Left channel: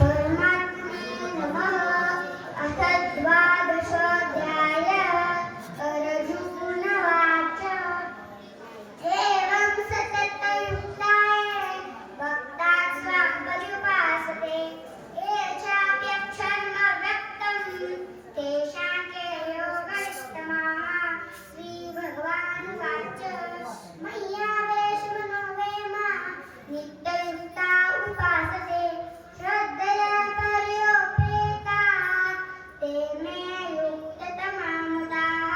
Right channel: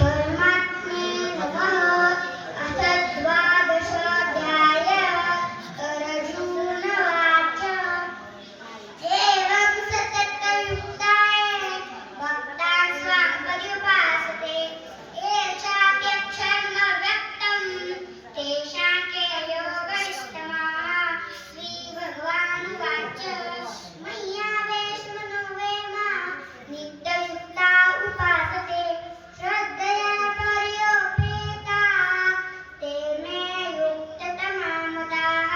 परमात्मे नमः। अथ द्वादशोऽध्यायः। अर्जुन उवाच एवं सततयुक्ताये भक्तान् स्वां पर्युपासते ये चाप्यक्षरमव्यक्तं तेषां के योगनिष्ठमाः। श्रीभगवानुवाच मय्यावेशमनो ये मां नित्ययुक्ता उपासते श्रद्धया पर्योपेताः ते मे युक्ततमा मताः।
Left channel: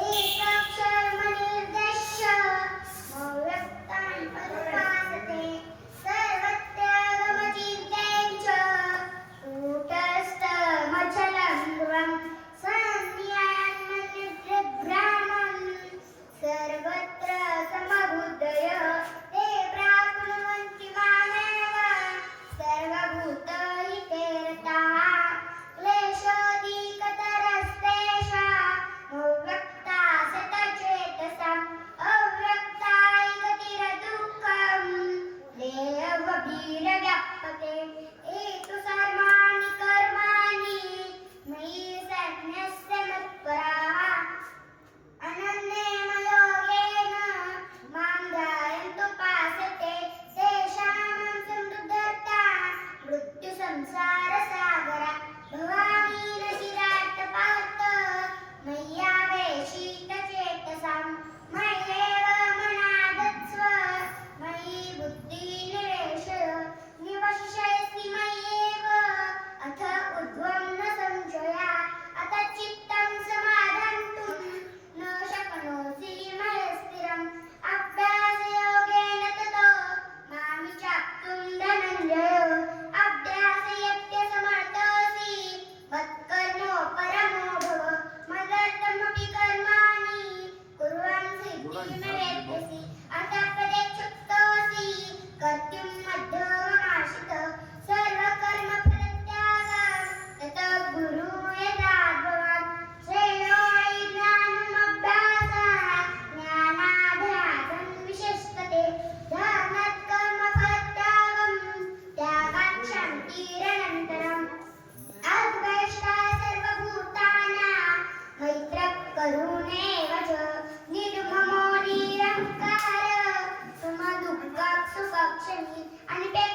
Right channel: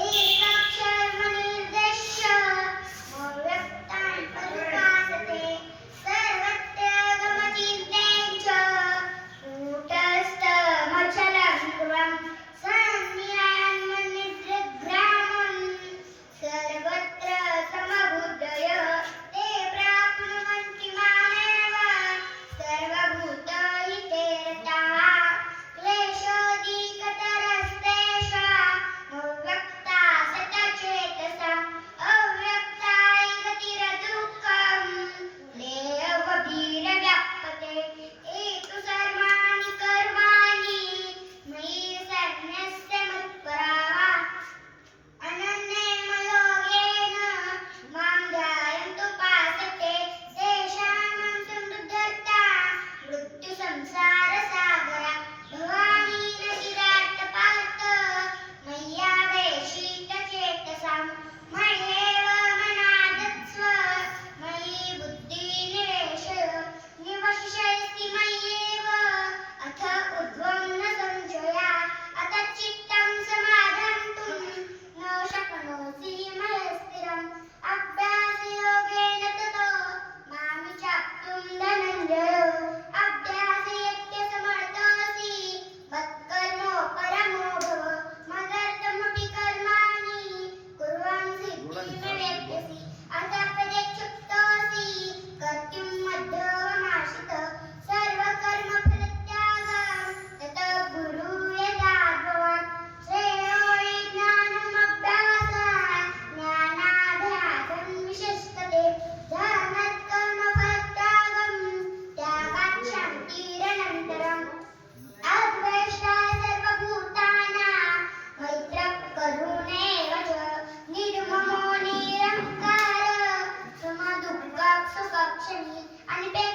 एकक्षरमनिर्देश्य अव्यक्तान् पर्युपासते सर्वत्रागमचिन्त्यं च कूटस्थमचलं ध्रुवम् संज्ञाननिर्ग्रामं सर्वत्र समबुद्धय ते प्राप्नुवन्ति मामेव सर्वभूतहिते रताः। क्लेशोऽधिकतरस्तेषाम् अव्यक्ता सतचेतसाम् अव्यक्ताय गतिरदुःखम् देहवभिर्व्याप्यते। एतु सर्वाणि कर्माणि मयि सन्न्यस्य मत्पराः अनन्येन मां ध्यायन्तुपासते तेषां समृद्धता मृत्युसंसारसागरात्। भवानी न चिरात् पार्थ मय्यावेशितचेतसाम् मय्येव मनादत्स्व मयि बुद्धिनिवेशय निवशिष्यसि मय्येव अथ ऊर्ध्वं न संशयः। अथ चित्तं समाधातुं न शक्नोषि मयि स्थिरम् अभ्यासयोगेन ततो मां चाप्तुं धनञ्जय। अभ्यासयत्यसमर्थोऽसि मत्कर्मो परमो भव मदर्थमपि कर्माणि कुर्वन् सिद्धिमेवेत्यसि। अथ परेक्षुप्तोऽसि कर्तुं मध्यममाश्रितः सर्वकर्मफलत्यागं ततः गुरु यथा भवान्। श्रेयो हि ज्ञानमभ्यासः ज्ञानाभ्यासं विशिष्यते ध्यानात् कर्मफलत्यागं त्यागात् शान्तिरनन्तरम्। अद्वेष्टा सर्वभूतानां मैत्रः करुणैव च निर्ममो निरहङ्कारः समदुःखः सुखक्षमी अनिपेक्षः